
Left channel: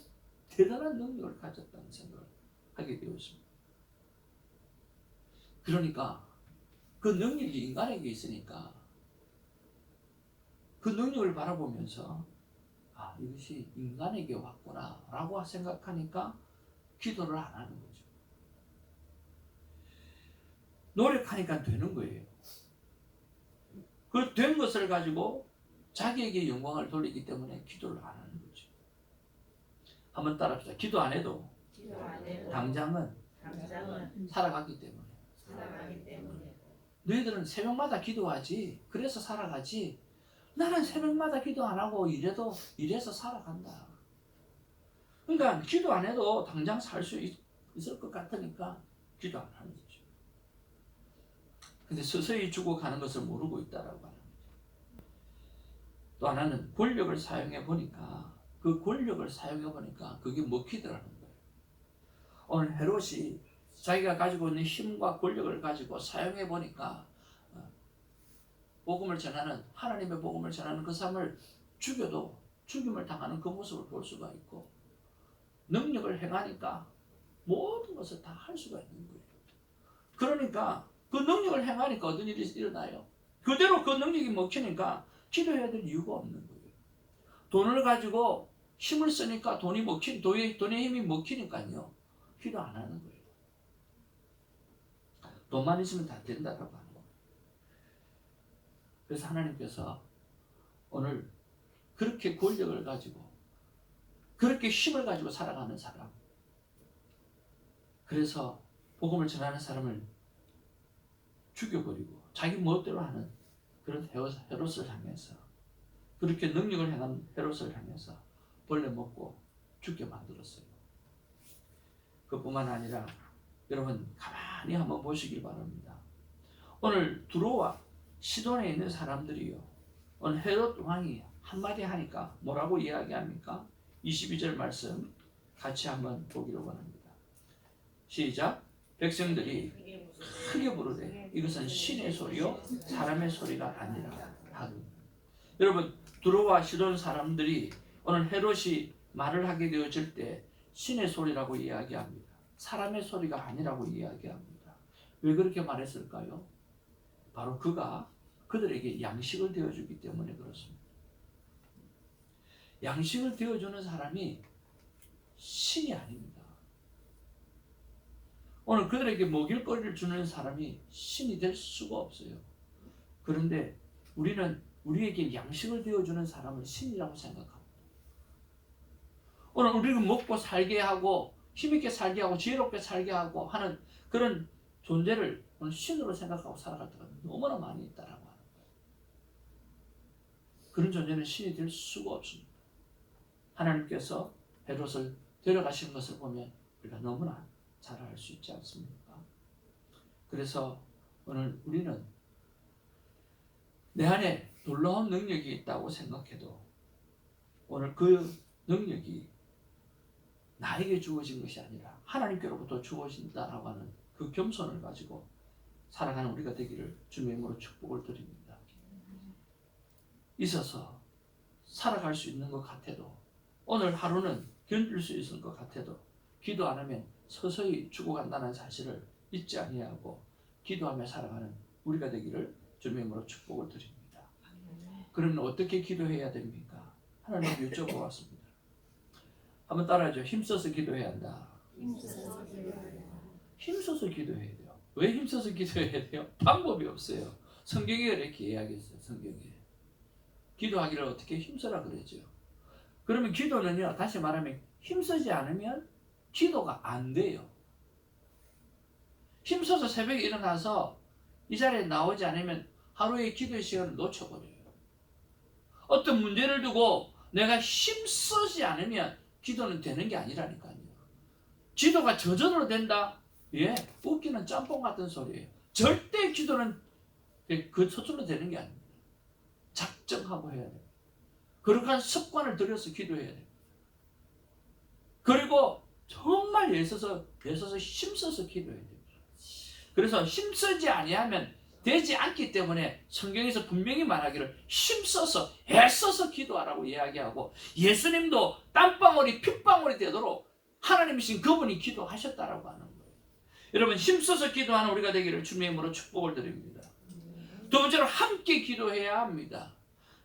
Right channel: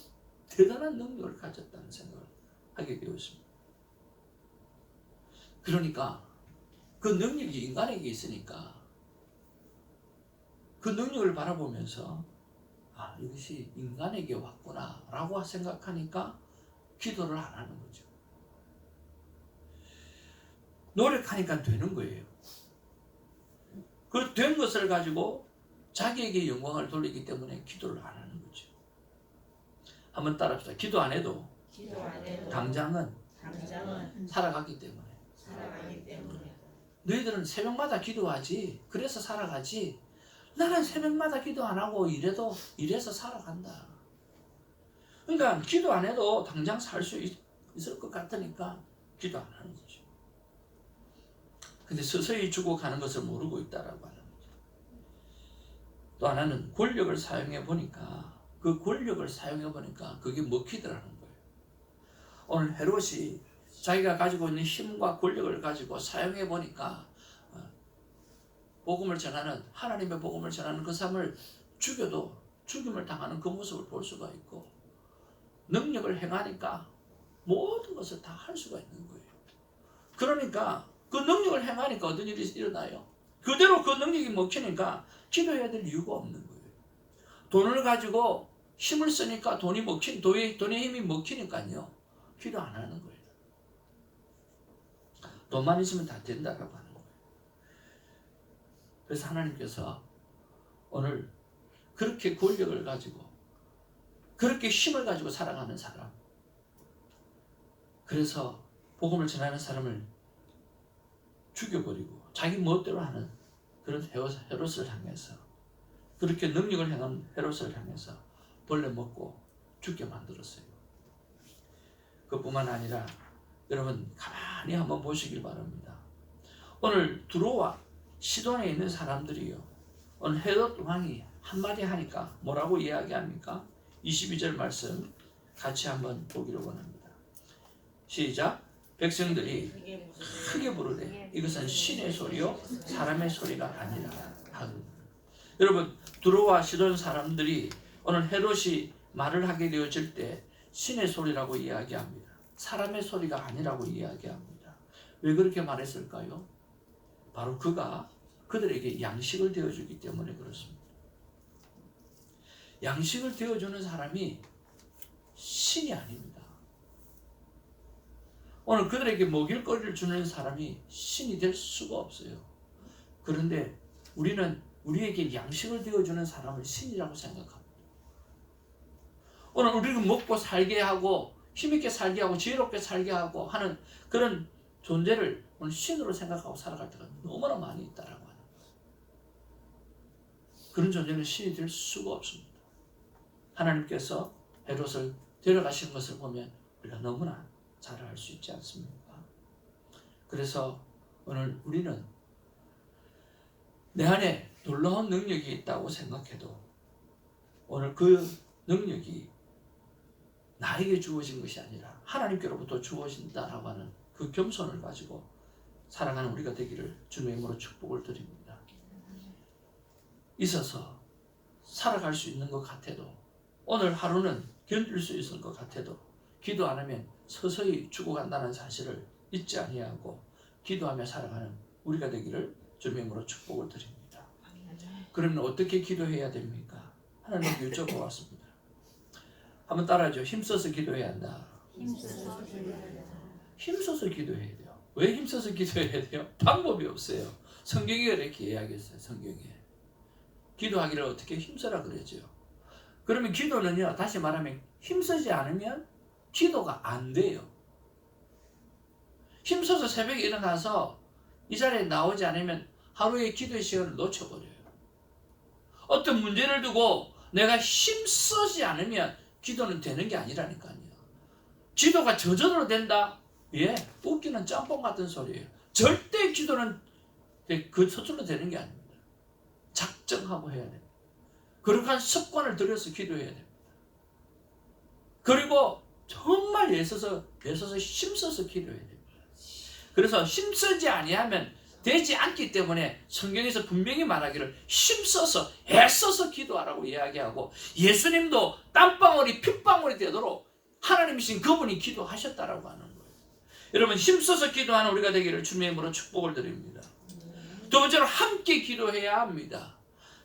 대단한 능력을 가졌다는 생각을 하게 되었습니다. 그러니까 그 능력이 인간에게 있으니까 그 능력을 바라보면서 아, 이것이 인간에게 왔구나 라고 생각하니까 기도를 안 하는 거죠. 노력하니까 되는 거예요. 그 된 것을 가지고 자기에게 영광을 돌리기 때문에 기도를 안 하는 거죠. 한번 따라합시다. 기도 안 해도 당장은 살아가기 때문에. 너희들은 새벽마다 기도하지. 그래서 살아가지. 나는 새벽마다 기도 안 하고 이래서 살아간다. 그러니까 기도 안 해도 당장 살 수 있을 것 같으니까 기도 안 하는 거죠. 근데 서서히 죽어가는 것을 모르고 있다라고 하는 거죠. 또 하나는 권력을 사용해 보니까 그게 먹히더라는 거예요. 오늘 헤롯이 자기가 가지고 있는 힘과 권력을 가지고 사용해 보니까 하나님의 복음을 전하는 그 사람을 죽여도 죽임을 당하는 그 모습을 볼 수가 있고, 능력을 행하니까 모든 것을 다 할 수가 있는 거예요. 그러니까 그 능력을 행하니까 어떤 일이 일어나요? 그대로 그 능력이 먹히니까 기도해야 될 이유가 없는 거예요. 돈을 가지고 힘을 쓰니까 돈의 힘이 먹히니까요, 기도 안 하는 거예요. 돈만 있으면 다 된다라고 하는 거예요. 그래서 하나님께서 오늘 그렇게 권력을 가지고 그렇게 힘을 가지고 살아가는 사람, 그래서 복음을 전하는 사람을 죽여버리고 자기 멋대로 하는 그런 헤롯을 향해서, 그렇게 능력을 행한 헤롯을 향해서 벌레 먹고 죽게 만들었어요. 그뿐만 아니라 여러분 가만히 한번 보시길 바랍니다. 오늘 두로와 시돈에 있는 사람들이요, 오늘 헤롯 왕이 한마디 하니까 뭐라고 이야기합니까? 22절 말씀 같이 한번 보기를 원합니다. 시작. 백성들이 크게 부르되 이것은 신의 소리요 사람의 소리가 아니라 하고. 여러분 두로와 시돈 사람들이 오늘 헤롯이 말을 하게 되어질 때 신의 소리라고 이야기합니다. 사람의 소리가 아니라고 이야기합니다. 왜 그렇게 말했을까요? 바로 그가 그들에게 양식을 되어주기 때문에 그렇습니다. 양식을 되어주는 사람이 신이 아닙니다. 오늘 그들에게 먹일 거리를 주는 사람이 신이 될 수가 없어요. 그런데 우리는 우리에게 양식을 되어주는 사람을 신이라고 생각합니다. 오늘 우리를 먹고 살게 하고 힘있게 살게 하고 지혜롭게 살게 하고 하는 그런 존재를 오늘 신으로 생각하고 살아갈 때가 너무나 많이 있다라고 하는 거예요. 그런 존재는 신이 될 수가 없습니다. 하나님께서 헤롯을 데려가신 것을 보면 우리가 너무나 잘 알 수 있지 않습니까? 그래서 오늘 우리는 내 안에 놀라운 능력이 있다고 생각해도 오늘 그 능력이 나에게 주어진 것이 아니라 하나님께로부터 주어진다라고 하는 그 겸손을 가지고 살아가는 우리가 되기를 주님의 이름으로 축복을 드립니다. 있어서 살아갈 수 있는 것 같아도 오늘 하루는 견딜 수 있을 것 같아도 기도 안 하면 서서히 죽어간다는 사실을 잊지 아니하고 기도하며 살아가는 우리가 되기를 주님의 이름으로 축복을 드립니다. 그러면 어떻게 기도해야 됩니까? 하나님께 여쭤보았습니다. 한번 따라하죠. 힘써서 기도해야 한다. 힘써서 기도해야 돼요. 왜 힘써서 기도해야 돼요? 방법이 없어요. 성경에 이렇게 이야기했어요. 성경에 기도하기를 어떻게 힘써라 그러죠. 그러면 기도는요, 다시 말하면 힘쓰지 않으면 기도가 안 돼요. 힘써서 새벽에 일어나서 이 자리에 나오지 않으면 하루의 기도의 시간을 놓쳐버려요. 어떤 문제를 두고 내가 힘쓰지 않으면 기도는 되는 게 아니라니까요. 기도가 저절로 된다? 예, 웃기는 짬뽕 같은 소리예요. 절대 기도는 그 서툴러 되는 게 아닙니다. 작정하고 해야 됩니다. 거룩한 습관을 들여서 기도해야 됩니다. 그리고 정말 애써서 힘써서 기도해야 됩니다. 그래서 힘쓰지 아니하면 되지 않기 때문에 성경에서 분명히 말하기를 힘써서 애써서 기도하라고 이야기하고 예수님도 땀방울이 핏방울이 되도록 하나님이신 그분이 기도하셨다라고 하는 거예요. 여러분 힘써서 기도하는 우리가 되기를 주님의 이름으로 축복을 드립니다. 두 번째로 함께 기도해야 합니다.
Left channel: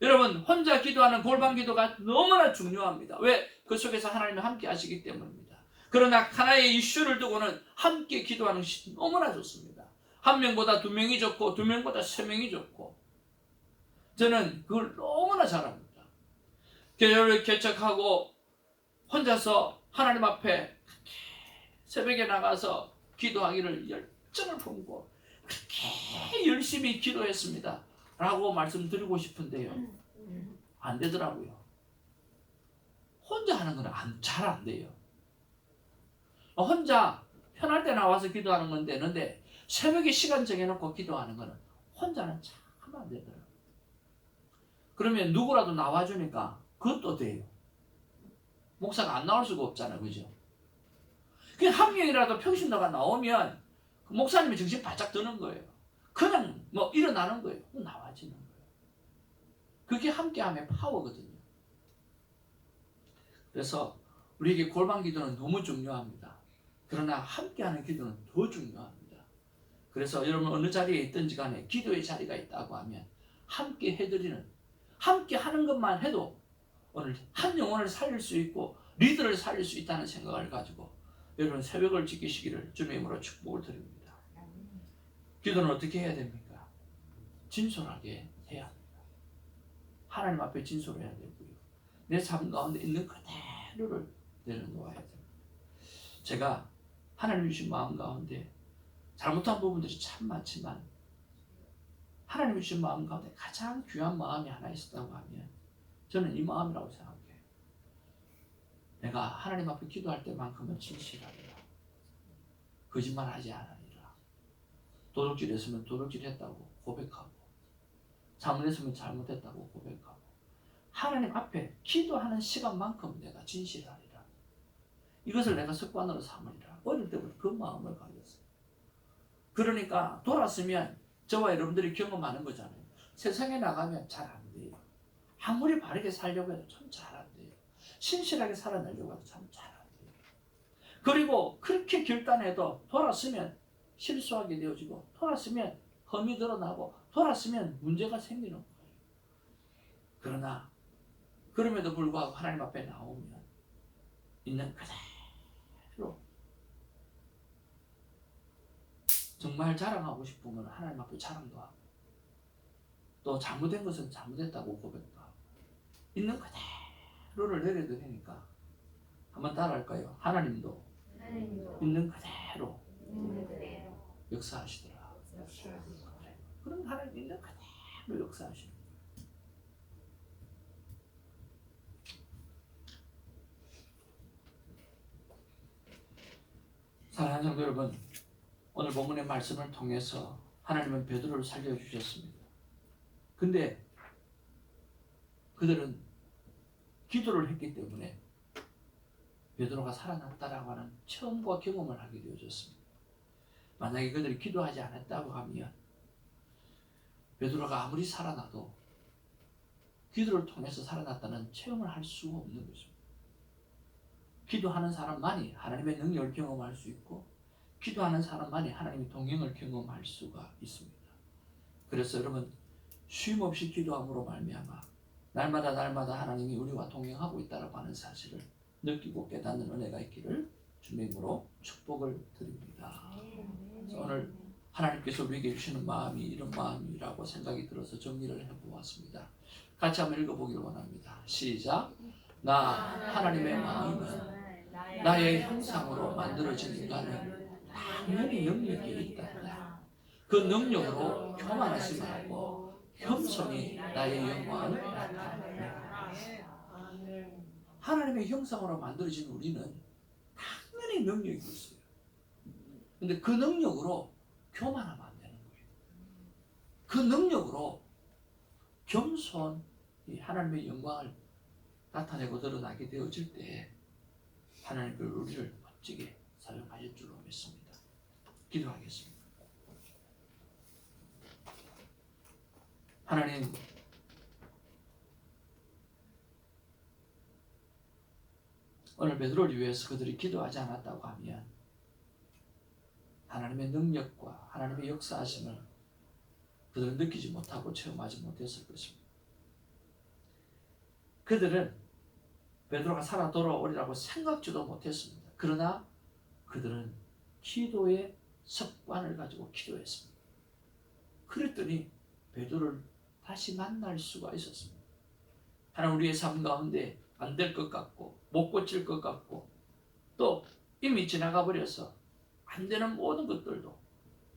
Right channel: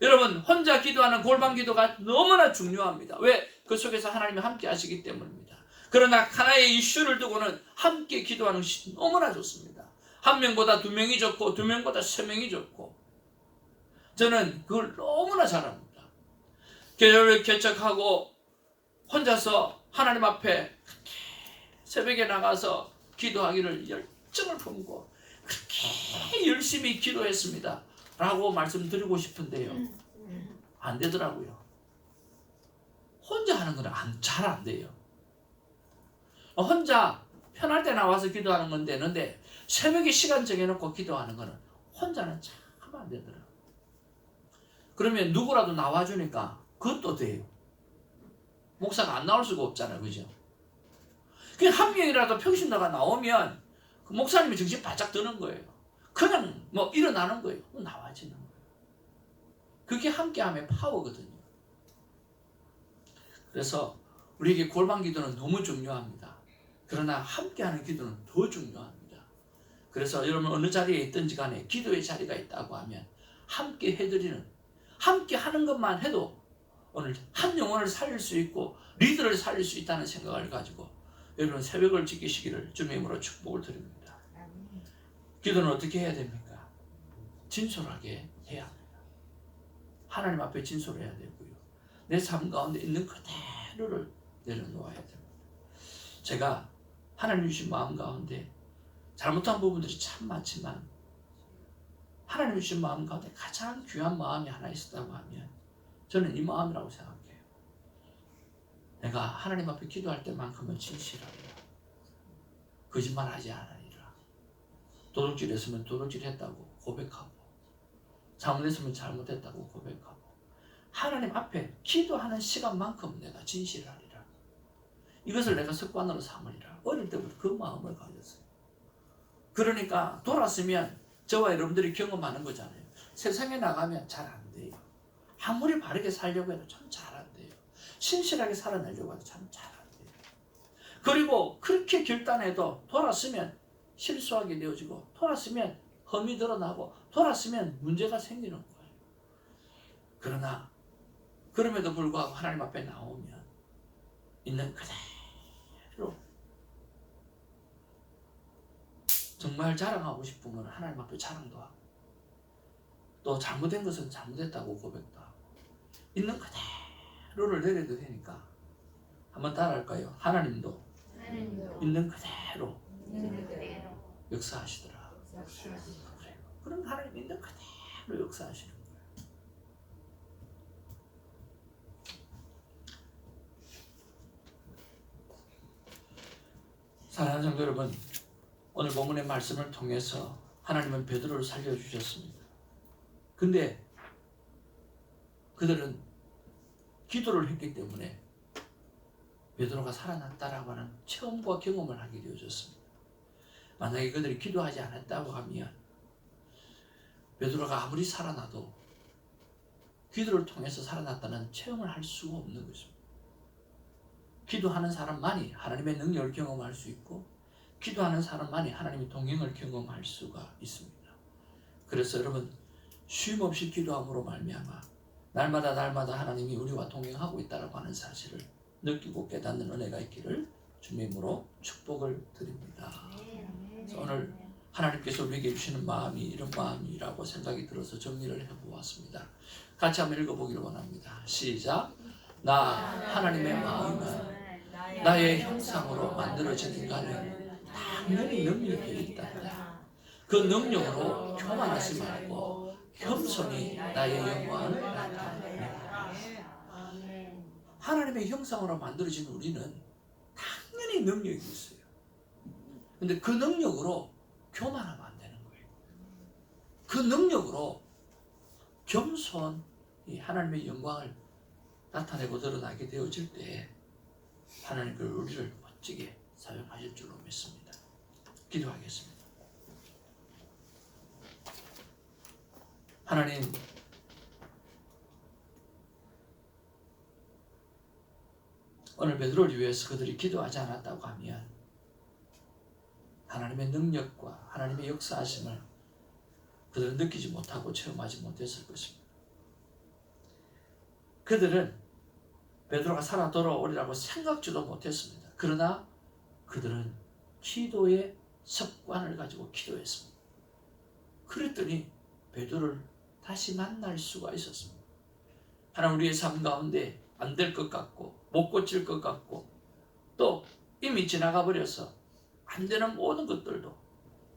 여러분 혼자 기도하는 골방 기도가 너무나 중요합니다. 왜? 그 속에서 하나님이 함께 하시기 때문입니다. 그러나 하나의 이슈를 두고는 함께 기도하는 것이 너무나 좋습니다. 한 명보다 두 명이 좋고 두 명보다 세 명이 좋고 저는 그걸 너무나 잘합니다. 교회를 개척하고 혼자서 하나님 앞에 새벽에 나가서 기도하기를 열정을 품고 그렇게 열심히 기도했습니다. 라고 말씀드리고 싶은데요. 안 되더라고요. 혼자 하는 건 잘 안 돼요. 혼자 편할 때 나와서 기도하는 건 되는데 새벽에 시간 정해놓고 기도하는 거는 혼자는 참 안 되더라고요. 그러면 누구라도 나와주니까 그것도 돼요. 목사가 안 나올 수가 없잖아요. 그죠? 그냥 한 명이라도 평신도가 나오면 그 목사님이 정신 바짝 드는 거예요. 그냥 뭐 일어나는 거예요. 나와지는 거예요. 그게 함께함의 파워거든요. 그래서 우리에게 골방 기도는 너무 중요합니다. 그러나 함께하는 기도는 더 중요합니다. 그래서 여러분 어느 자리에 있든지 간에 기도의 자리가 있다고 하면 함께 해드리는, 함께 하는 것만 해도 오늘 한 영혼을 살릴 수 있고 리더를 살릴 수 있다는 생각을 가지고 여러분 새벽을 지키시기를 주님의 이름으로 축복을 드립니다. 기도는 어떻게 해야 됩니까? 진솔하게 해야 합니다. 하나님 앞에 진솔해야 되고요. 내 삶 가운데 있는 그대로를 내려놓아야 됩니다. 제가 하나님 주신 마음 가운데 잘못한 부분들이 참 많지만 하나님 주신 마음 가운데 가장 귀한 마음이 하나 있었다고 하면 저는 이 마음이라고 생각해요. 내가 하나님 앞에 기도할 때만큼은 진실하리라. 거짓말하지 않으리라. 도둑질 했으면 도둑질 했다고 고백하고 잘못했으면 잘못했다고 고백하고 하나님 앞에 기도하는 시간만큼 내가 진실하리라. 이것을 내가 습관으로 삼으리라. 어릴 때부터 그 마음을 가졌어요. 그러니까 돌았으면 저와 여러분들이 경험하는 거잖아요. 세상에 나가면 잘 안 돼요. 아무리 바르게 살려고 해도 참 잘 안 돼요. 신실하게 살아내려고 해도 참 잘 안 돼요. 그리고 그렇게 결단해도 돌았으면 실수하게 되어지고 돌았으면 험이 드러나고 돌았으면 문제가 생기는 거예요. 그러나 그럼에도 불구하고 하나님 앞에 나오면 있는 그대로 정말 자랑하고 싶으면 하나님 앞에 자랑도 하고 또 잘못된 것은 잘못했다고 고백도 하고 있는 그대로를 내려도 되니까 한번 따라할까요? 하나님도 있는 그대로 역사하시더라. 그래. 그럼 하나님 있는 그대로 역사하시는 거예요. 사랑하는 성도 여러분, 오늘 본문의 말씀을 통해서 하나님은 베드로를 살려주셨습니다. 근데 그들은 기도를 했기 때문에 베드로가 살아났다라고 하는 체험과 경험을 하게 되어졌습니다. 만약에 그들이 기도하지 않았다고 하면 베드로가 아무리 살아나도 기도를 통해서 살아났다는 체험을 할 수가 없는 것입니다. 기도하는 사람만이 하나님의 능력을 경험할 수 있고 기도하는 사람만이 하나님의 동행을 경험할 수가 있습니다. 그래서 여러분 쉼없이 기도함으로 말미암아 날마다 하나님이 우리와 동행하고 있다고 하는 사실을 느끼고 깨닫는 은혜가 있기를 주님으로 축복을 드립니다. 그래서 오늘 하나님께서 우리에게 주시는 마음이 이런 마음이라고 생각이 들어서 정리를 해보았습니다. 같이 한번 읽어보기를 원합니다. 시작. 나 하나님의 마음은 나의 형상으로 만들어진 인간은 당연히 능력이 있다. 그 능력으로 교만하지 말고 겸손히 나의 영광을 나타내라. 하나님의 형상으로 만들어진 우리는 당연히 능력이 있어요. 근데 그 능력으로 교만하면 안 되는 거예요. 그 능력으로 겸손히 하나님의 영광을 나타내고 드러나게 되어질 때 하나님 그 우리를 멋지게 사용하실 줄로 믿습니다. 기도하겠습니다. 하나님, 오늘 베드로를 위해서 그들이 기도하지 않았다고 하면 하나님의 능력과 하나님의 역사하심을 그들은 느끼지 못하고 체험하지 못했을 것입니다. 그들은 베드로가 살아 돌아오리라고 생각지도 못했습니다. 그러나 그들은 기도의 습관을 가지고 기도했습니다. 그랬더니 베드로를 다시 만날 수가 있었습니다. 하나님 우리의 삶 가운데 안 될 것 같고 못 고칠 것 같고 또 이미 지나가 버려서 안 되는 모든 것들도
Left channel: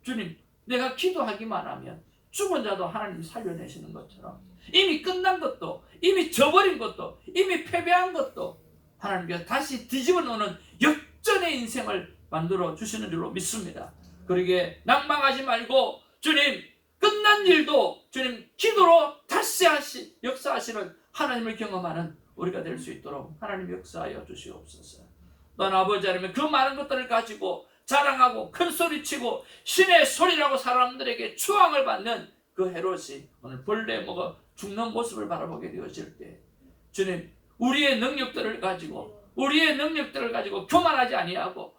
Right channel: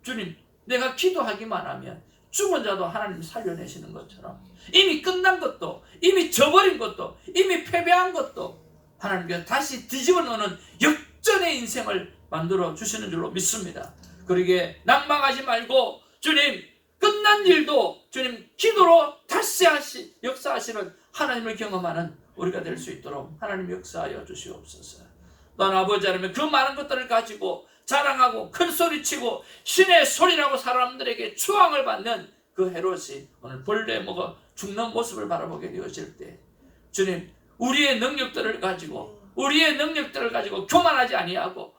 주님 내가 기도하기만 하면 죽은 자도 하나님 살려내시는 것처럼 이미 끝난 것도 이미 져버린 것도 이미 패배한 것도 하나님께서 다시 뒤집어 놓는 역전의 인생을 만들어 주시는 줄로 믿습니다. 그러기에 난망하지 말고 주님 끝난 일도 주님 기도로 다시 역사하시는 하나님을 경험하는 우리가 될 수 있도록 하나님 역사하여 주시옵소서. 넌 아버지 하나님 그 많은 것들을 가지고 자랑하고 큰 소리치고 신의 소리라고 사람들에게 추앙을 받는 그 헤롯이 오늘 벌레 먹어 죽는 모습을 바라보게 되어질 때 주님 우리의 능력들을 가지고 교만하지 아니하고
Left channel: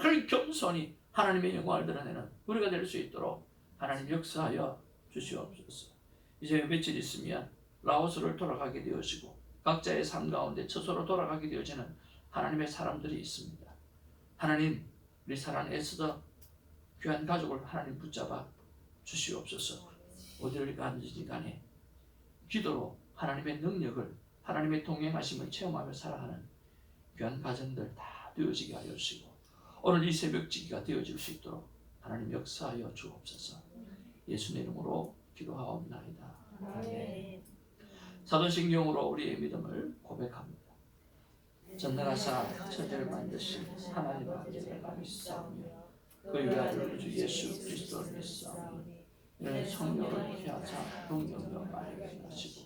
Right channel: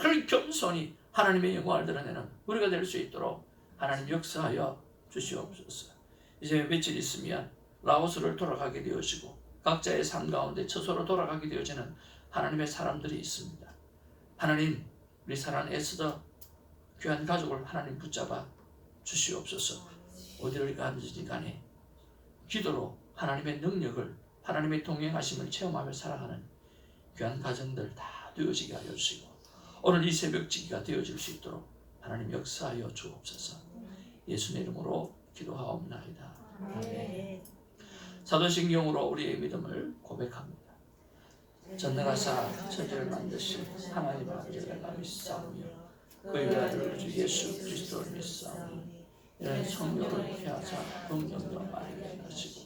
늘 겸손히 하나님의 영광을 드러내는 우리가 될 수 있도록 하나님 역사하여 주시옵소서. 이제 며칠 있으면 라오스를 돌아가게 되어지고 각자의 삶 가운데 처소로 돌아가게 되어지는 하나님의 사람들이 있습니다. 하나님 우리 사랑하는 에스더 귀한 가족을 하나님 붙잡아 주시옵소서. 어디를 가든지 간에 기도로 하나님의 능력을 하나님의 동행하심을 체험하며 살아가는 귀한 가정들 다 되어지게 하여 주시고 오늘 이 새벽지기가 되어질 수 있도록 하나님 역사하여 주옵소서. 예수의 이름으로 기도하옵나이다. 아멘. 사도신경으로 우리의 믿음을 고백합니다. 전능하사 천지를 만드신 하나님 아버지를 믿사오며 그의 아들 주 예수 그리스도를 믿사오니 이는 성령을 피하사 동정녀 마리아에 나시고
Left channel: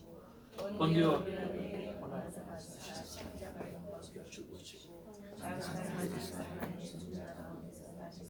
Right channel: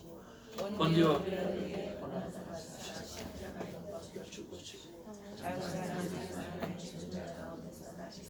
본디오 빌라도에게 고난을 받으시고 죽으시고